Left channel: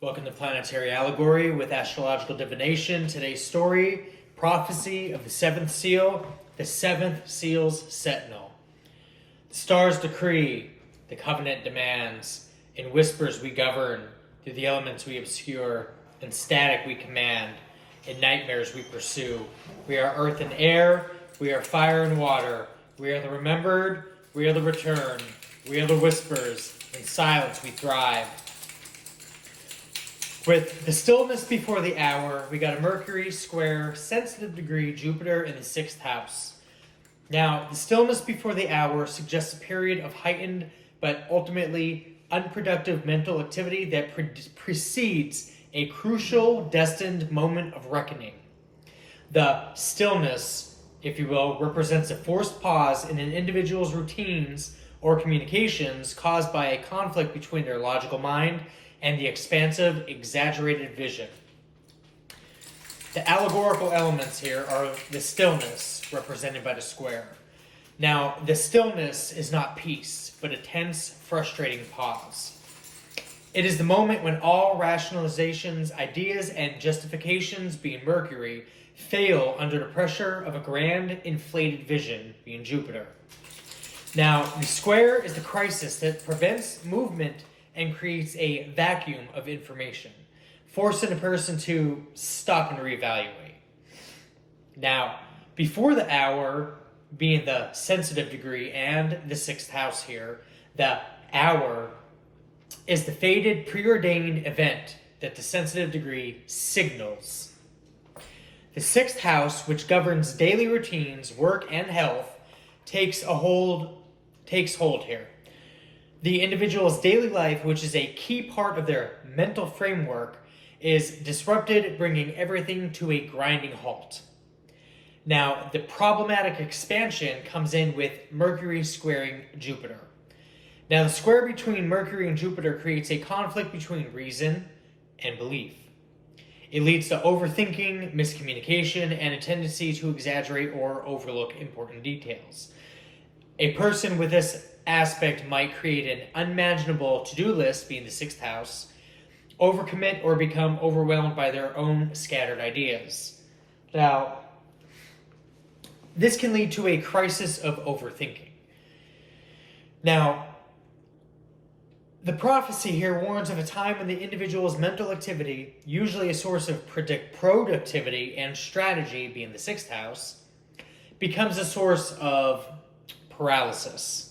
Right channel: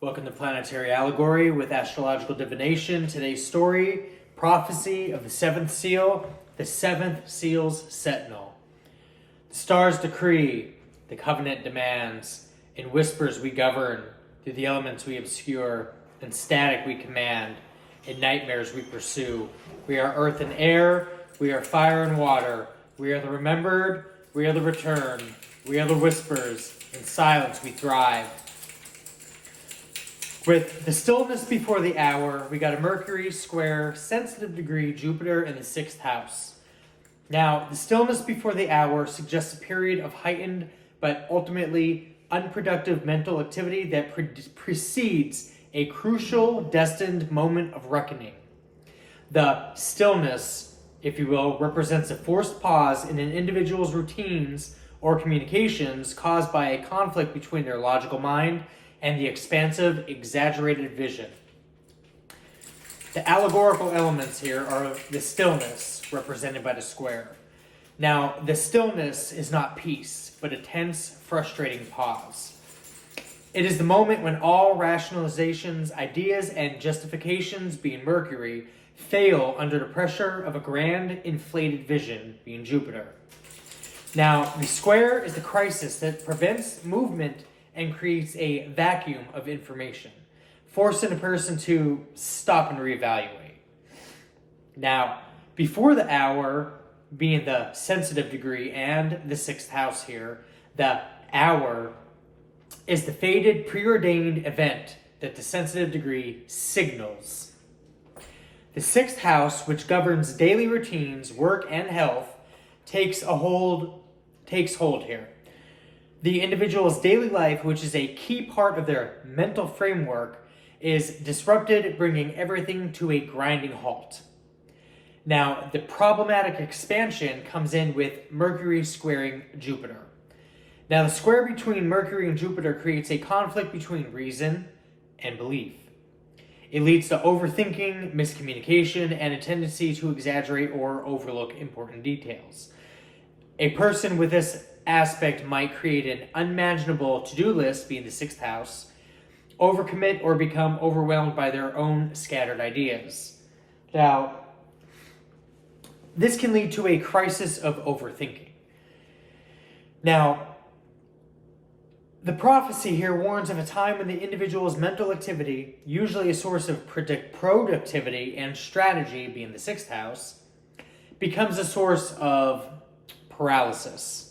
Welcome to Planetary Allegory with Astrological Divination. Today's story, Prophecy of the Seventh Seal, the Seventh Seal's Sentinel. The stars decree, the covenant demands, in whispers we govern, through the elements we obscure, in static we command, in nightmares we pursue. We are earth and air, we are fire and water, we are the remembered, we are the returned, we are the whispers, in silence we thrive. With the stillness before the hour, we got a Mercury square, sensitive degree, Jupiter in the 6th house. Now, the stillness before the hour suggests a period of heightened but ultimately unproductive mental activity that precedes a crucial, destined moment of reckoning. The stillness, if you will, represents a forced pause in an individual's routines or communications caused by a conflict between their logical mind and the expansive, exaggerated vision. The allegorical elements here are the stillness, represented by the square. Now, the stillness is not peace, but a tense, frustrating pause. It is the moment when all rationalizations, ideas, and justifications, being Mercury, fail under the pressure of a grand, inflated vision, being Jupiter. Now, the square is the crisis that prevents movement and creates a vacuum of information, forcing a person to stop and reevaluate. Now, before the hour, being the sensitive degree and the 6th house here, the hour is the fated, preordained event that the sensitive degree signals. The 6th house, which governs daily routines, work, and health, takes hold here. The individual's daily life, which is a key part of their mental framework, is disrupted, bringing everything to a grinding halt. Now, the problematic expansion comes in with Mercury squaring Jupiter. Now, the square between Mercury and Jupiter creates a conflict between reason and belief. It leads to overthinking, miscommunication, and a tendency to exaggerate or overlook important details. A person with this aspect might create an unmanageable to-do list, being the 6th house, overcommit, or become overwhelmed by their own scattered ideas. Now, this can lead to a crisis of overthinking. Now, the prophecy here warns of a time when the individual's mental activity, usually a source of productivity and strategy, being the 6th house, becomes a source of paralysis.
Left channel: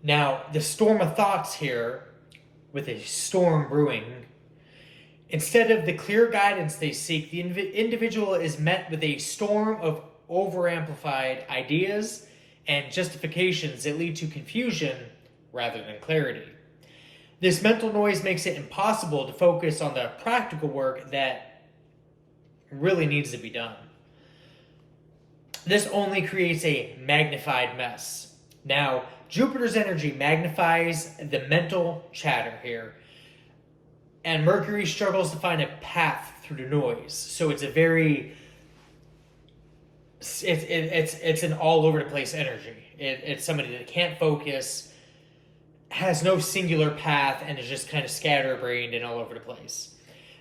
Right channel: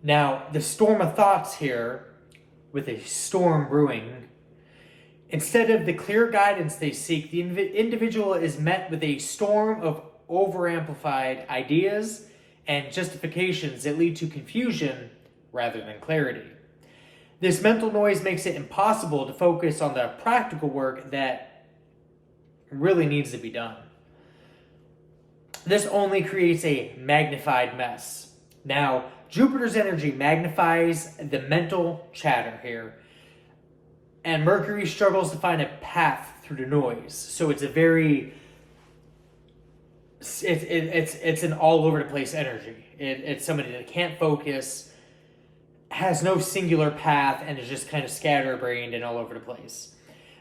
Now, the storm of thoughts here, with a storm brewing, instead of the clear guidance they seek, the individual is met with a storm of overamplified ideas and justifications that lead to confusion rather than clarity. This mental noise makes it impossible to focus on the practical work that really needs to be done. This only creates a magnified mess. Now, Jupiter's energy magnifies the mental chatter here, and Mercury struggles to find a path through the noise. So it's a very, it's an all over the place energy. It's somebody that can't focus, has no singular path, and is just kind of scatterbrained and all over the place.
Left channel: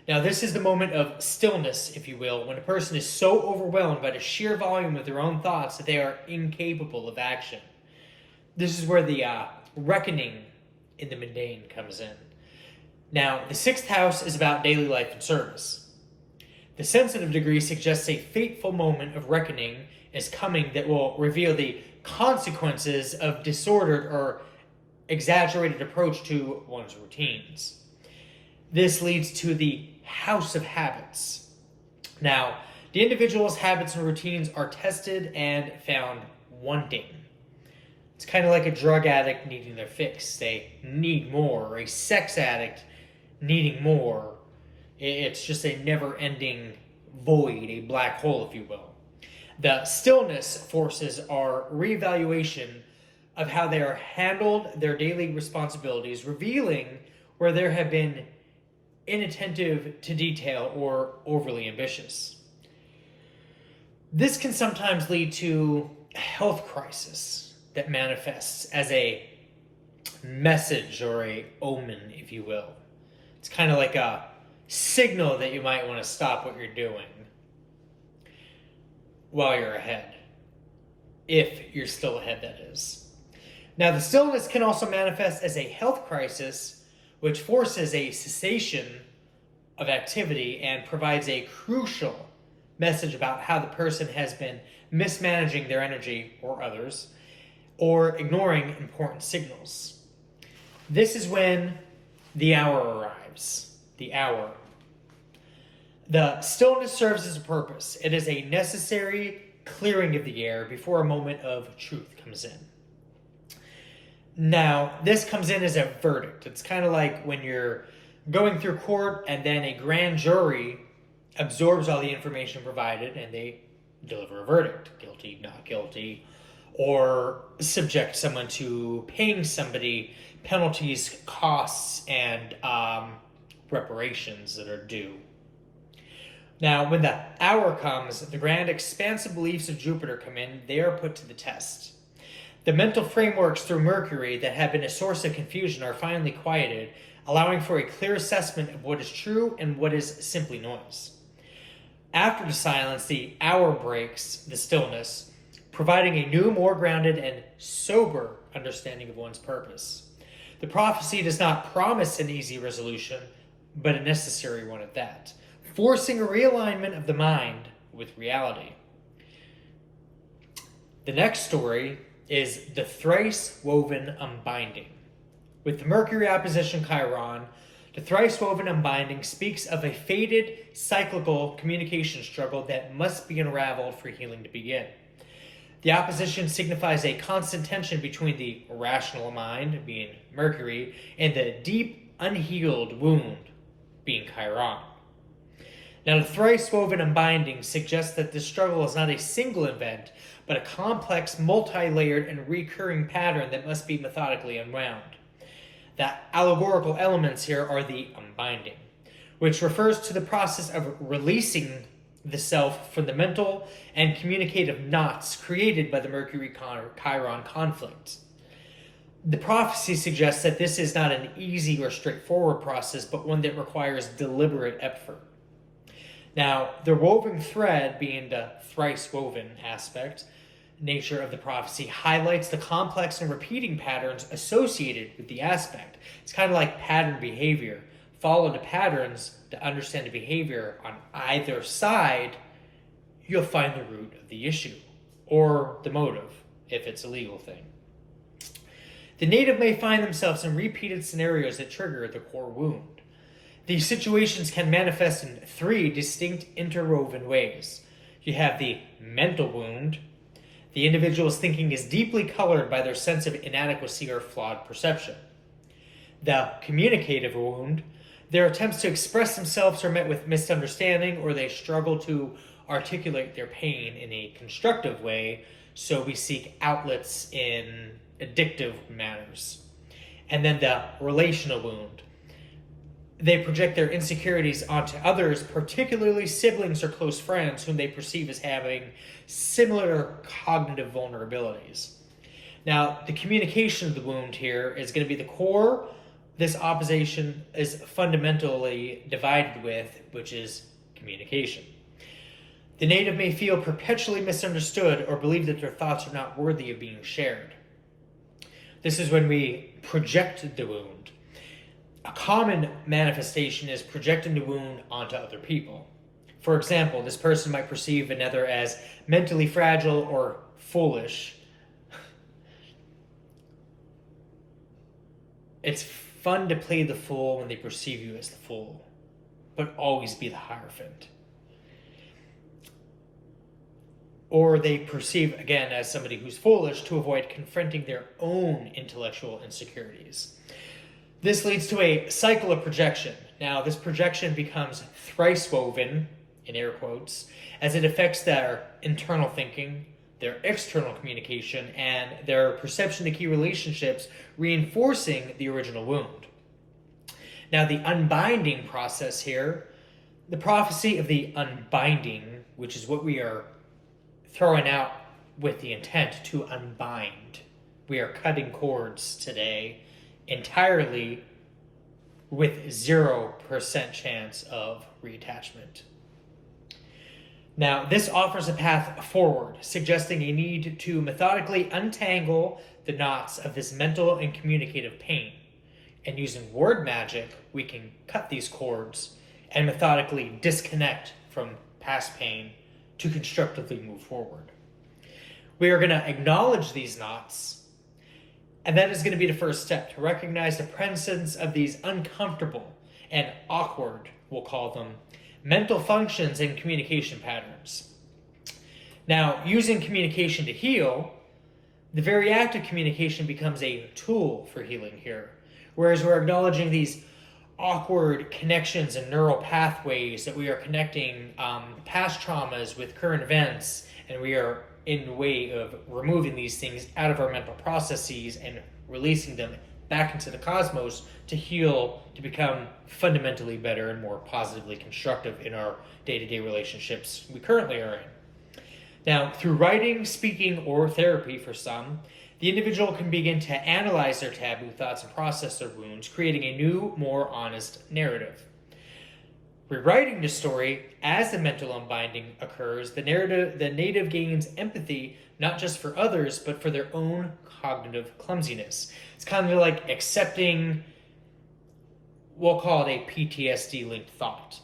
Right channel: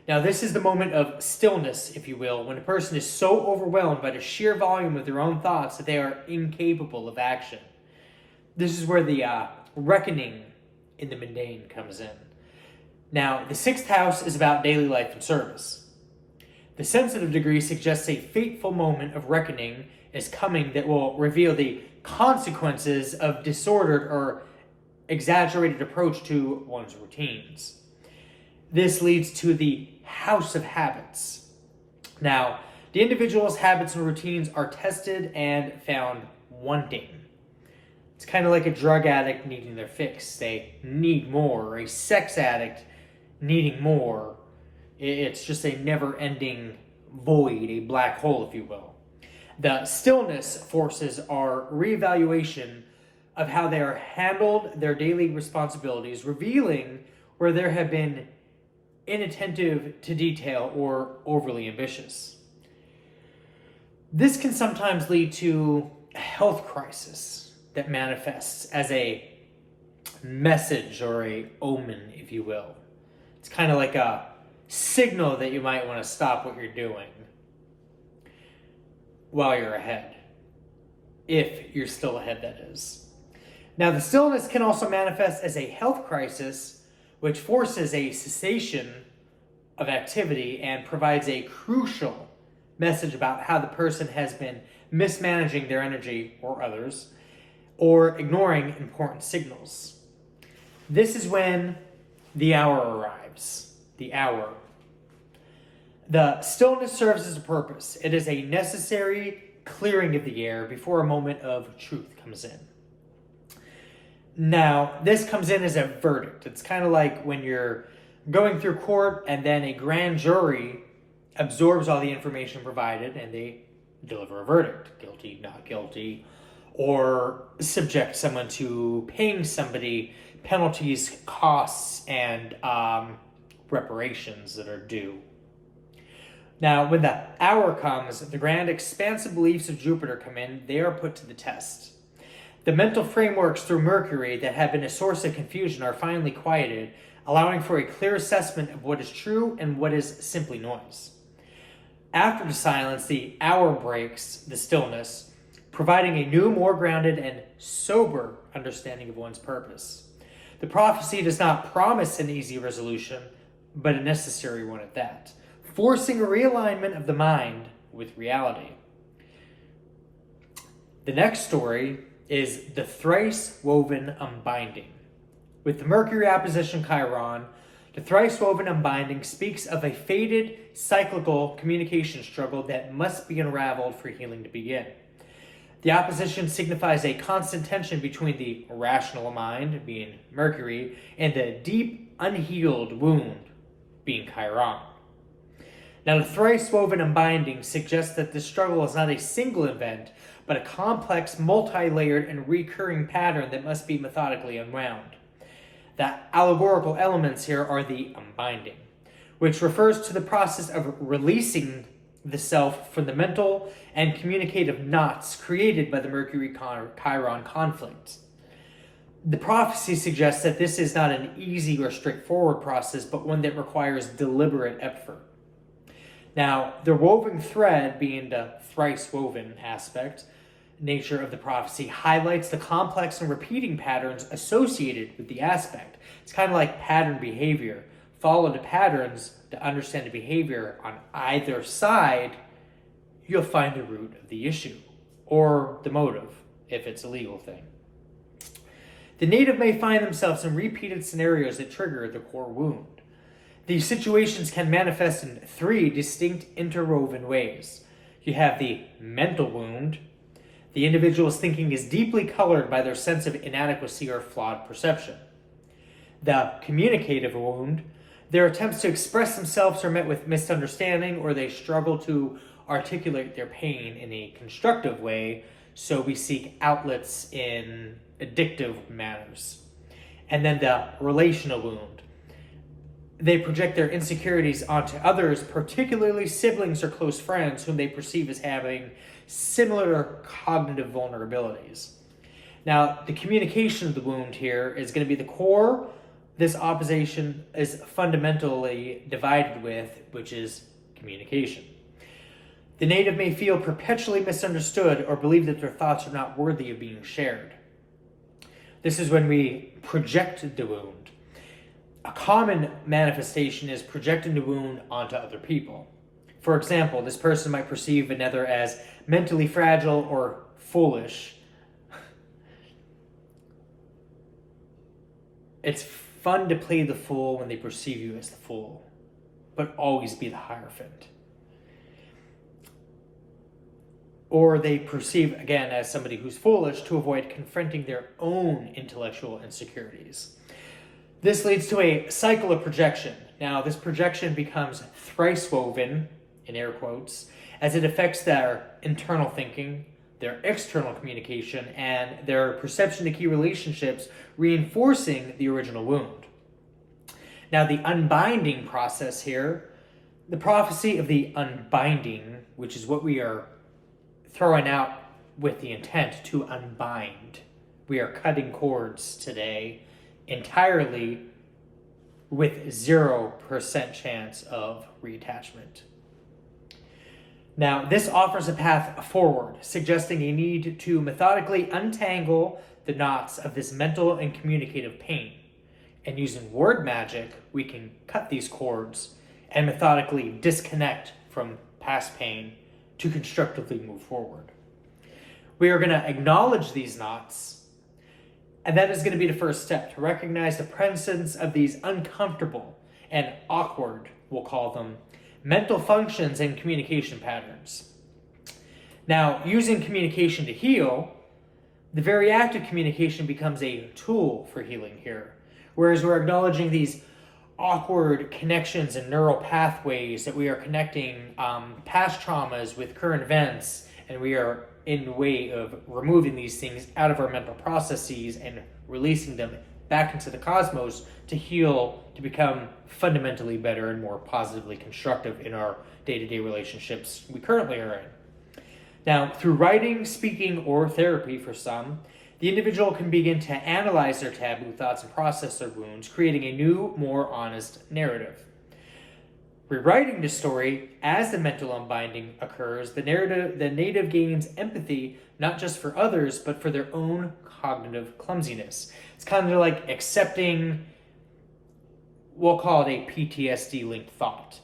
Now, this is the moment of stillness, if you will, when a person is so overwhelmed by the sheer volume of their own thoughts that they are incapable of action. This is where the reckoning in the mundane comes in. Now, the 6th house is about daily life and service. The sensitive degree suggests a fateful moment of reckoning is coming that will reveal the consequences of disordered or exaggerated approach to one's routines. This leads to the house of habits. Now, the individual's habits and routines are tested and found wanting. It's kind of like a drug addict needing their fix. They need more, or a sex addict needing more. It's just a never-ending void, a black hole, if you will. The stillness forces our reevaluation of how they are handled their daily responsibilities, revealing where there have been inattentive to detail or overly ambitious. This can sometimes lead to a health crisis that manifests as a message or a omen, if you will. It's kind of like a signal that you might want to stop what you're doing while you're ahead. If you're still ahead, that is. Now, the stillness can also manifest as a health crisis, which forces a cessation of activity and provides a crucial message about how the person has been mismanaging their energy or others, or ignoring important signals. This is when the hour arrives. The hour. The stillness serves as a purpose. It is a necessary clearing of the air before a moment of truth comes in. Now, this comes in as a verdict. It's kind of like when you're going through court and then a grand jury absorbs all the information provided and they deliver a verdict. Guilty, not guilty. Or subject someone to paying somebody penalties, costs, and reparations that are due. Now, when the hour comes, the grand expansive beliefs of Jupiter come in. They are put to the test. The mental frameworks through Mercury that have been a source of confusion are finally quieted, allowing for a clear assessment of what is true and what is simply noise. After the silence, the hour breaks the stillness, providing a new, more grounded, and sober understanding of one's purpose. The prophecy does not promise an easy resolution, but a necessary one at that, forcing a realignment of the mind with reality. The next story is the thrice woven unbinding. With the Mercury opposition Chiron, the thrice woven unbinding speaks of a fated, cyclical communication struggle that must be unraveled for healing to begin. The opposition signifies a constant tension between the rational mind, being Mercury, and the deep, unhealed wound, being Chiron. Now, the thrice woven unbinding suggests that this struggle is not a single event, but a complex, multi-layered, and recurring pattern that must be methodically unwound. The allegorical elements here are the unbinding, which refers to the process of releasing the self from the mental and communicative knots created by the Mercury-Chiron conflict. The prophecy suggests that this is not an easy or straightforward process, but one that requires deliberate effort. Now, the woven thread, being the thrice woven aspect, nature of the prophecy, highlights the complex and repeating patterns associated with the aspect. It's kind of like pattern behavior. Follow the patterns to understand the behavior on either side, you'll find the root of the issue, or the motive, if it's a legal thing. The native may find themselves in repeated scenarios that trigger the core wound. These situations can manifest in three distinct interwoven ways. You have the mental wound. The individual's thinking is deeply colored by their sense of inadequacy or flawed perception. The communicative wound. Their attempts to express themselves are met with misunderstanding, or they struggle to articulate their pain in a constructive way, so we seek outlets in addictive manners. And then the relational wound. They project their insecurities onto others, particularly siblings or close friends whom they perceive as having similar cognitive vulnerabilities. Now, the communication of the wound here is going to be the core this opposition is fundamentally divided with, which is communication. The native may feel perpetually misunderstood or believe that their thoughts are not worthy of being shared. This is when we project the wound. A common manifestation is projecting the wound onto other people. For example, this person might perceive another as mentally fragile or foolish. It's fun to play the fool when they perceive you as the fool, but always be the Hierophant. Or they perceive, again, as somebody who's foolish to avoid confronting their own intellectual insecurities. This leads to a cycle of projection. Now, this projection becomes thrice woven, in air quotes, as it affects their internal thinking, their external communication, and their perception to key relationships, reinforcing the original wound. Now, the unbinding process here, the prophecy of the unbinding, which is what we are throwing out with the intent to unbind. We are cutting cords today entirely with 0% chance of reattachment. Now, this offers a path forward, suggesting a need to methodically untangle the knots of this mental and communicative pain. And using word magic, we can cut these cords and methodically disconnect from past pain to constructively move forward. We are going to acknowledge these knots, and that is going to be the first step to recognize the presence of these uncomfortable and awkward, we'll call them, mental functions and communication patterns. Now, using communication to heal, the very act of communication becomes a tool for healing here. Whereas we're acknowledging these awkward connections and neural pathways that we are connecting past traumas with current events, and we are in the way of removing these things out of our mental processes and releasing them back into the cosmos to heal, to become fundamentally better and more positively constructive in our day-to-day relationships we currently are in. Now, through writing, speaking, or therapy for some, the individual can begin to analyze their taboo thoughts and process their wounds, creating a new, more honest narrative. Rewriting the story as the mental unbinding occurs, the native gains empathy not just for others, but for their own cognitive clumsiness. It's kind of like accepting, we'll call it a PTSD-linked thought.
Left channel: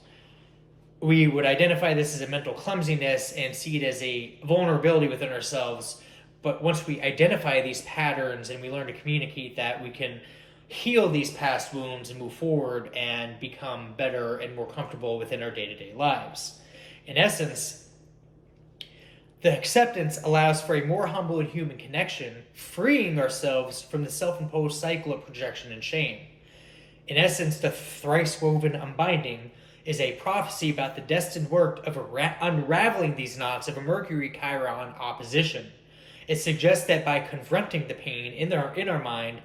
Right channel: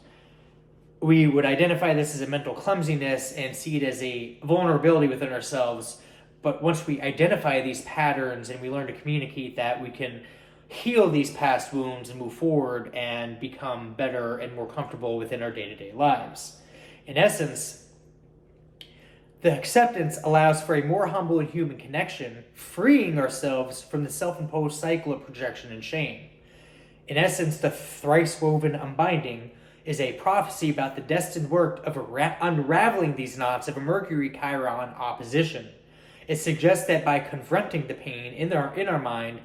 We would identify this as a mental clumsiness and see it as a vulnerability within ourselves. But once we identify these patterns and we learn to communicate that, we can heal these past wounds and move forward and become better and more comfortable within our day-to-day lives. In essence, the acceptance allows for a more humble and human connection, freeing ourselves from the self-imposed cycle of projection and shame. In essence, the thrice-woven unbinding is a prophecy about the destined work of unraveling these knots of a Mercury-Chiron opposition. It suggests that by confronting the pain in our mind,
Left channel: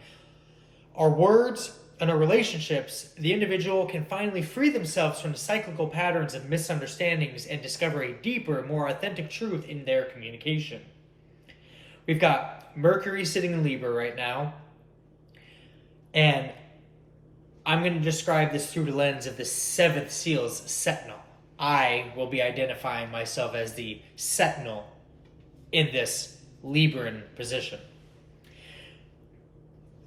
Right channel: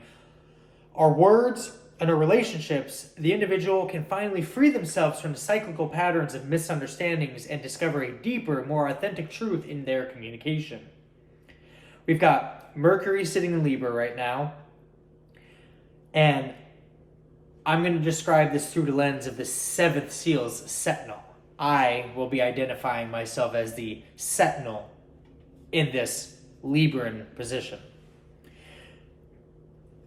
our words, and our relationships, the individual can finally free themselves from the cyclical patterns of misunderstandings and discover a deeper, more authentic truth in their communication. We've got Mercury sitting in Libra right now, and I'm going to describe this through the lens of the seventh seal's Sentinal. I will be identifying myself as the Sentinal in this Libran position.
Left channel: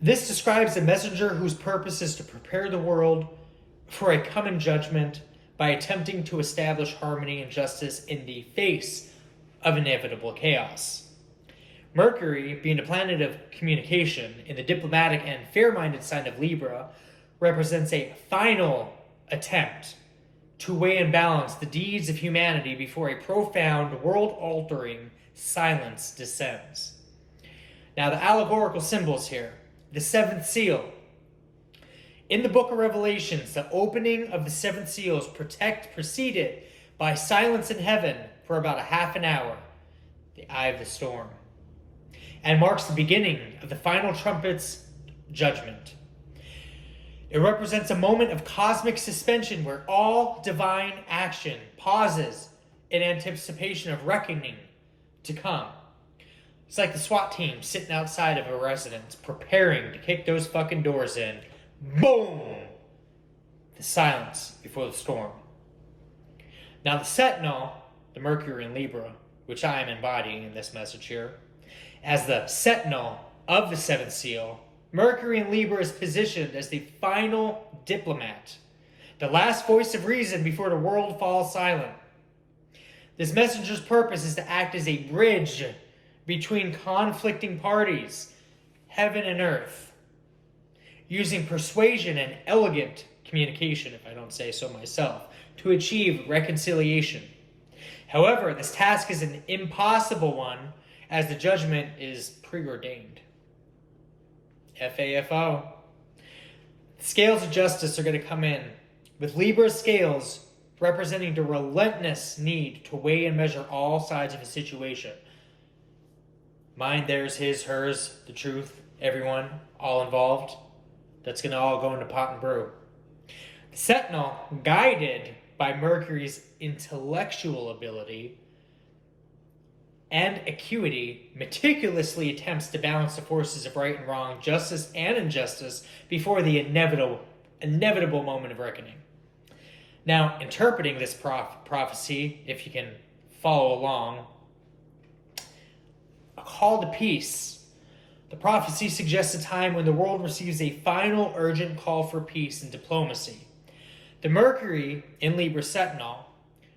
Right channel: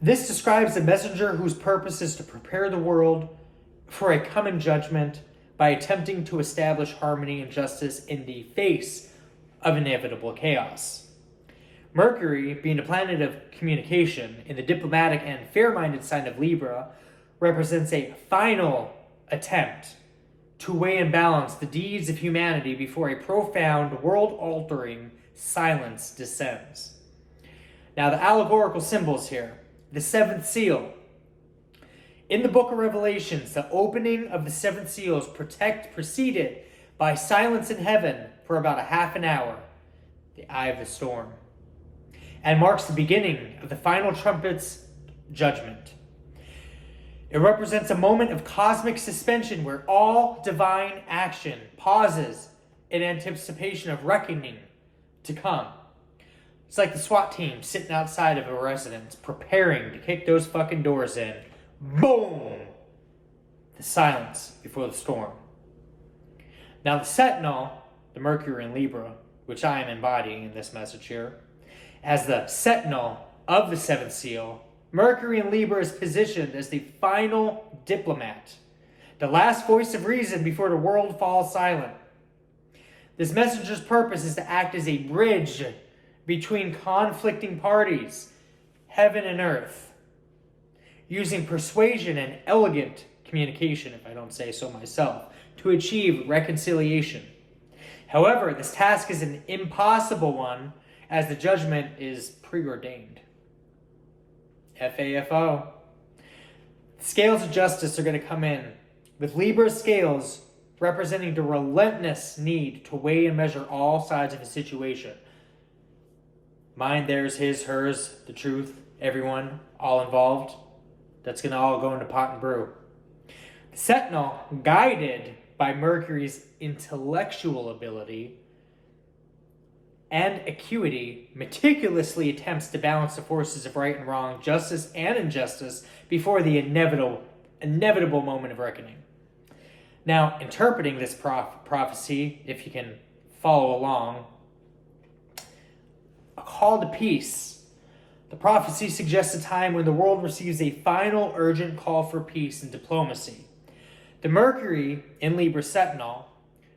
This describes a messenger whose purpose is to prepare the world for a coming judgment by attempting to establish harmony and justice in the face of inevitable chaos. Mercury, being the planet of communication in the diplomatic and fair-minded sign of Libra, represents a final attempt to weigh and balance the deeds of humanity before a profound, world-altering silence descends. Now, the allegorical symbols here. The seventh seal. In the book of Revelations, the opening of the seventh seals preceded by silence in heaven for about a half an hour, the eye of the storm, and marks the beginning of the final trumpet's judgment. It represents a moment of cosmic suspension where all divine action pauses in anticipation of reckoning to come. It's like the SWAT team sitting outside of a residence, preparing to kick those fucking doors in. Boom! The silence before the storm. Now the Sentinel, the Mercury in Libra, which I am embodying in this message here, as the Sentinel of the seventh seal, Mercury in Libra is positioned as the final diplomat, the last voice of reason before the world falls silent. This messenger's purpose is to act as a bridge between conflicting parties, heaven and earth, using persuasion and elegant communication, if I don't say so myself, to achieve reconciliation. However, this task is an impossible one, as the judgment is preordained. FAFO. The scales of justice are going to come in, with Libra's scales representing the relentless need to weigh and measure all sides of a situation. Mine, theirs, his, hers, the truth, everyone, all involved. That's going to all go into pot and brew. The Sentinel, guided by Mercury's intellectual ability and acuity, meticulously attempts to balance the forces of right and wrong, justice and injustice before the inevitable inevitable moment of reckoning. Now, interpreting this prophecy, if you can follow along, a call to peace. The prophecy suggests a time when the world receives a final urgent call for peace and diplomacy. The Mercury in Libra Sentinel,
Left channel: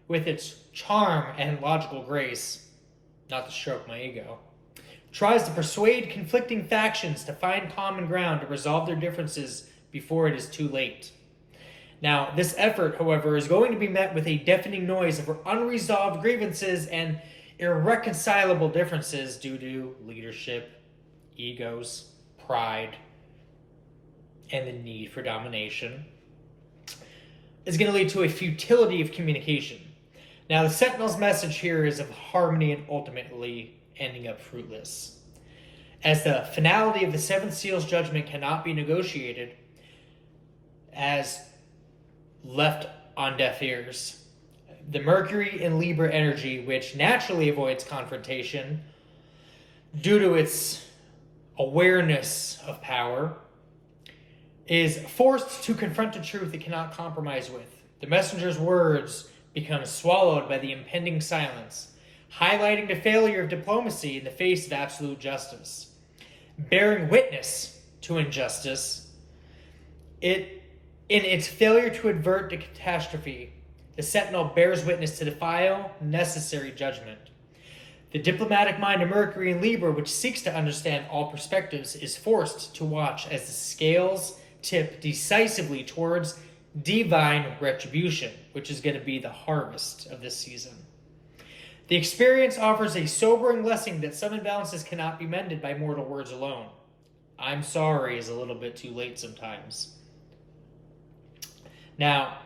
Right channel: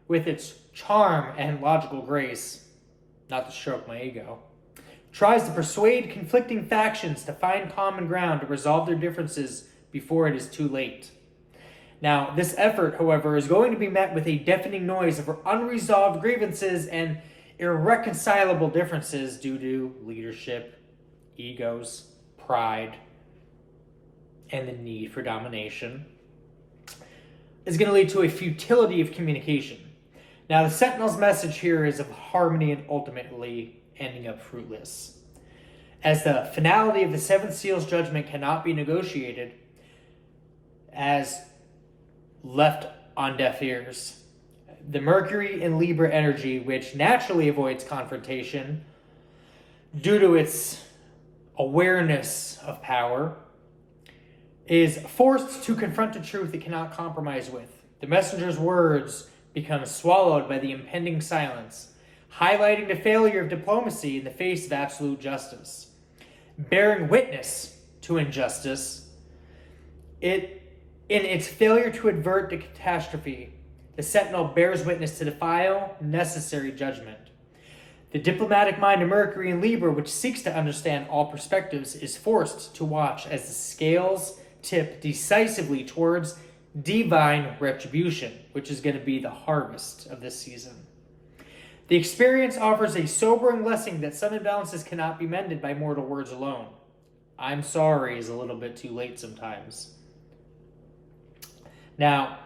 with its charm and logical grace, not to stroke my ego, tries to persuade conflicting factions to find common ground to resolve their differences before it is too late. Now, this effort, however, is going to be met with a deafening noise of unresolved grievances and irreconcilable differences due to leadership, egos, pride, and the need for domination. Is going to lead to a futility of communication. Now, the Sentinel's message here is of harmony and ultimately ending up fruitless. As the finality of the Seven Seals judgment cannot be negotiated, as left on deaf ears. The Mercury in Libra energy, which naturally avoids confrontation due to its awareness of power, is forced to confront the truth it cannot compromise with. The messenger's words become swallowed by the impending silence, highlighting the failure of diplomacy in the face of absolute justice. Bearing witness to injustice, in its failure to avert the catastrophe, the Sentinel bears witness to the final, necessary judgment. The diplomatic mind of Mercury in Libra, which seeks to understand all perspectives, is forced to watch as the scales tip decisively towards divine retribution, which is going to be the harvest of this season. The experience offers a sobering lesson that some imbalances cannot be mended by mortal words alone. I'm sorry is a little bit too late sometimes. Now,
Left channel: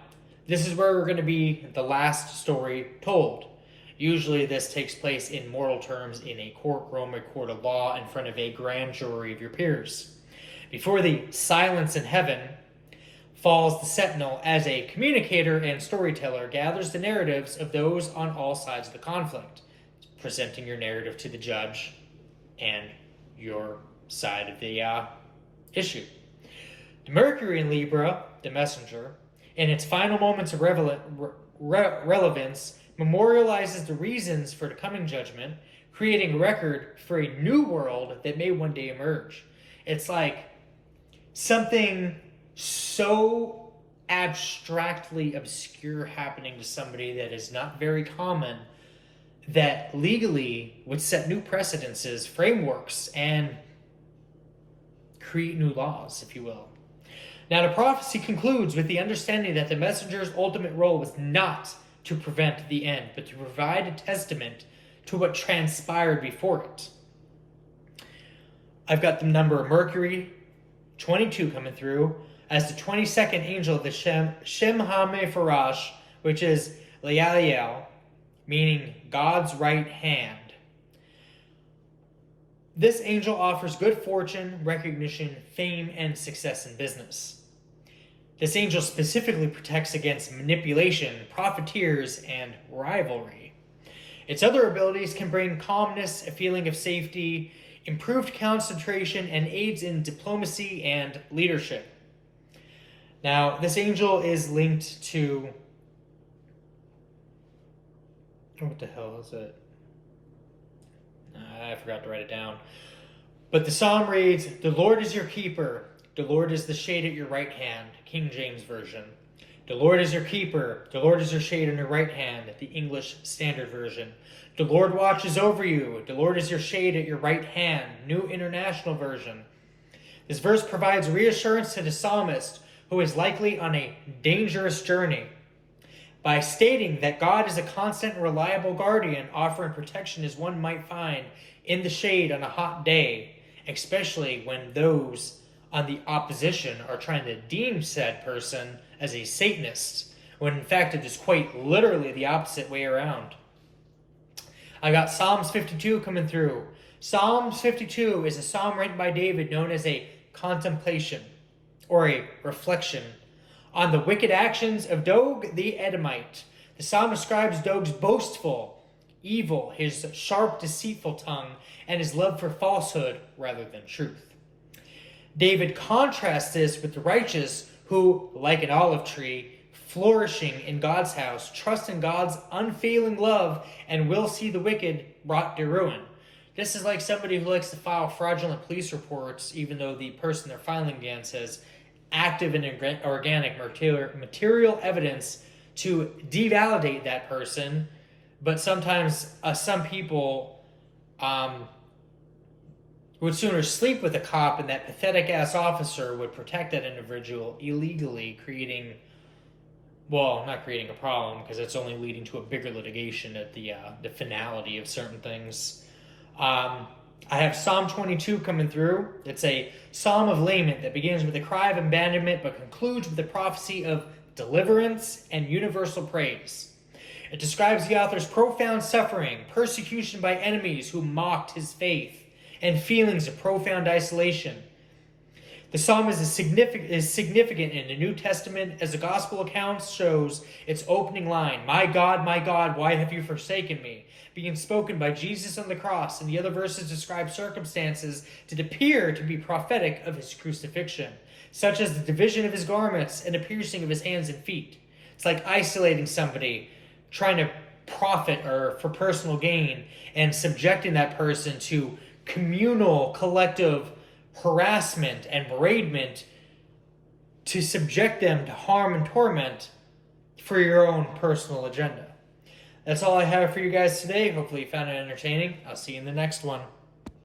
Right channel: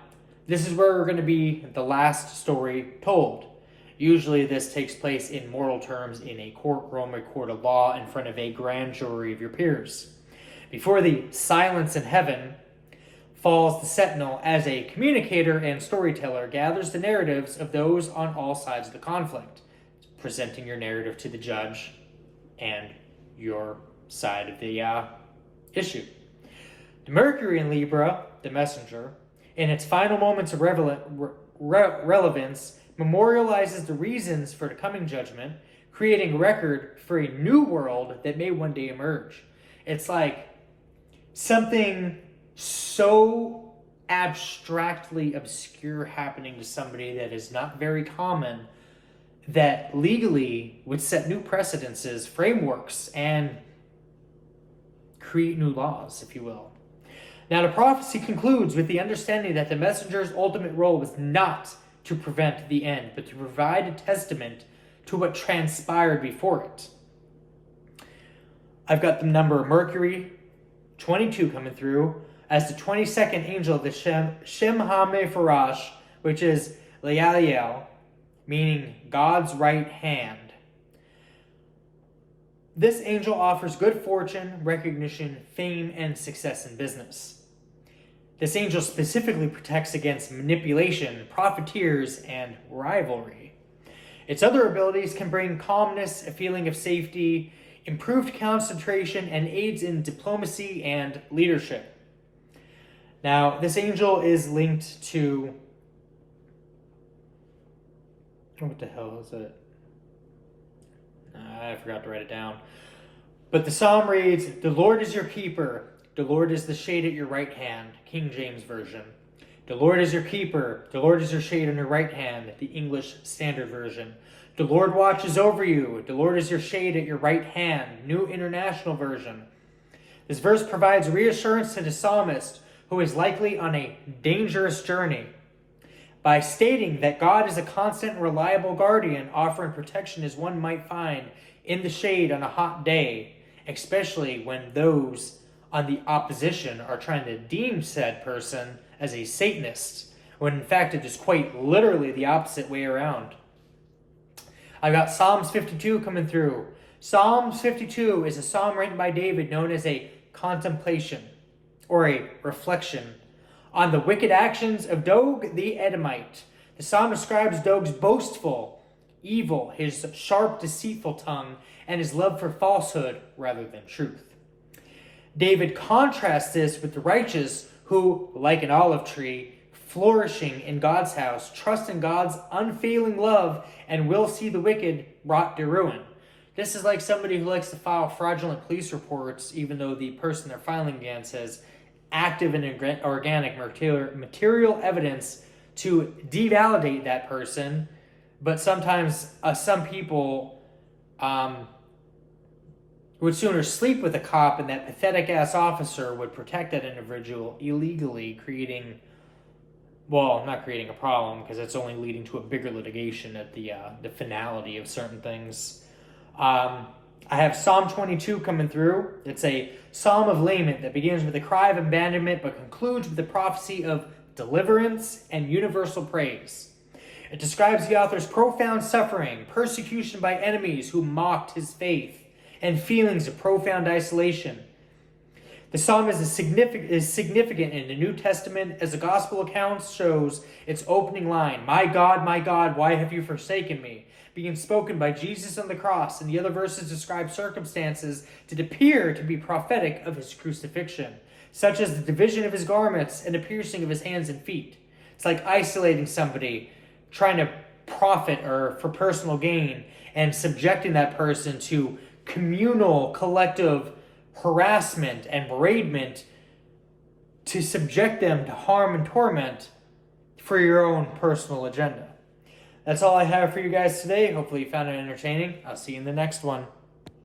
this is where we're going to be the last story told. Usually this takes place in mortal terms in a courtroom, a court of law, in front of a grand jury of your peers. Before the silence in heaven falls, the Sentinel, as a communicator and storyteller, gathers the narratives of those on all sides of the conflict, presenting your narrative to the judge and your side of the issue. The Mercury in Libra, the messenger, in its final moments of relevance, memorializes the reasons for the coming judgment, creating a record for a new world that may one day emerge. It's like something so abstractly obscure happening to somebody that is not very common that legally would set new precedences, frameworks, and create new laws, if you will. Now, the prophecy concludes with the understanding that the messenger's ultimate role was not to prevent the end, but to provide a testament to what transpired before it. I've got the number of Mercury 22 coming through as the 22nd angel of the Shem HaMepharash, which is Lealiel, meaning God's right hand. This angel offers good fortune, recognition, fame, and success in business. This angel specifically protects against manipulation, profiteers, and rivalry. Its other abilities can bring calmness, a feeling of safety, improved concentration, and aids in diplomacy and leadership. Now, this angel is linked to... what the hell is it? I forgot to write it down. But the psalm reads, "The Lord is your keeper. The Lord is the shade at your right hand." King James Version. "The Lord is your keeper. The Lord is your shade on your right hand." The English Standard Version. "The Lord watches over you. The Lord is your shade at your right hand." New International Version. This verse provides reassurance to the psalmist, who is likely on a dangerous journey, by stating that God is a constant and reliable guardian, offering protection as one might find in the shade on a hot day, especially when those on the opposition are trying to deem said person as a Satanist, when in fact it is quite literally the opposite way around. I've got Psalms 52 coming through. Psalms 52 is a psalm written by David known as a contemplation, or a reflection, on the wicked actions of Dog the Edomite. The psalm describes Dog's boastful, evil, his sharp, deceitful tongue, and his love for falsehood rather than truth. David contrasts this with the righteous, who, like an olive tree, flourishing in God's house, trust in God's unfailing love, and will see the wicked brought to ruin. This is like somebody who likes to file fraudulent police reports, even though the person they're filing against has active and organic material evidence to devalidate that person. But sometimes some people would sooner sleep with a cop, and that pathetic ass officer would protect that individual illegally, not creating a problem, because it's only leading to a bigger litigation at the finality of certain things. I have Psalm 22 coming through. It's a psalm of lament that begins with a cry of abandonment but concludes with the prophecy of deliverance and universal praise. It describes the author's profound suffering, persecution by enemies who mocked his faith, and feelings of profound isolation. The psalm is significant in the New Testament, as the gospel account shows its opening line, my God, why have you forsaken me?" being spoken by Jesus on the cross, and the other verses describe circumstances that appear to be prophetic of his crucifixion, such as the division of his garments and the piercing of his hands and feet. It's like isolating somebody, trying to profit or for personal gain, and subjecting that person to communal, collective harassment and beratement to subject them to harm and torment for your own personal agenda. That's all I have for you guys today. Hopefully you found it entertaining. I'll see you in the next one.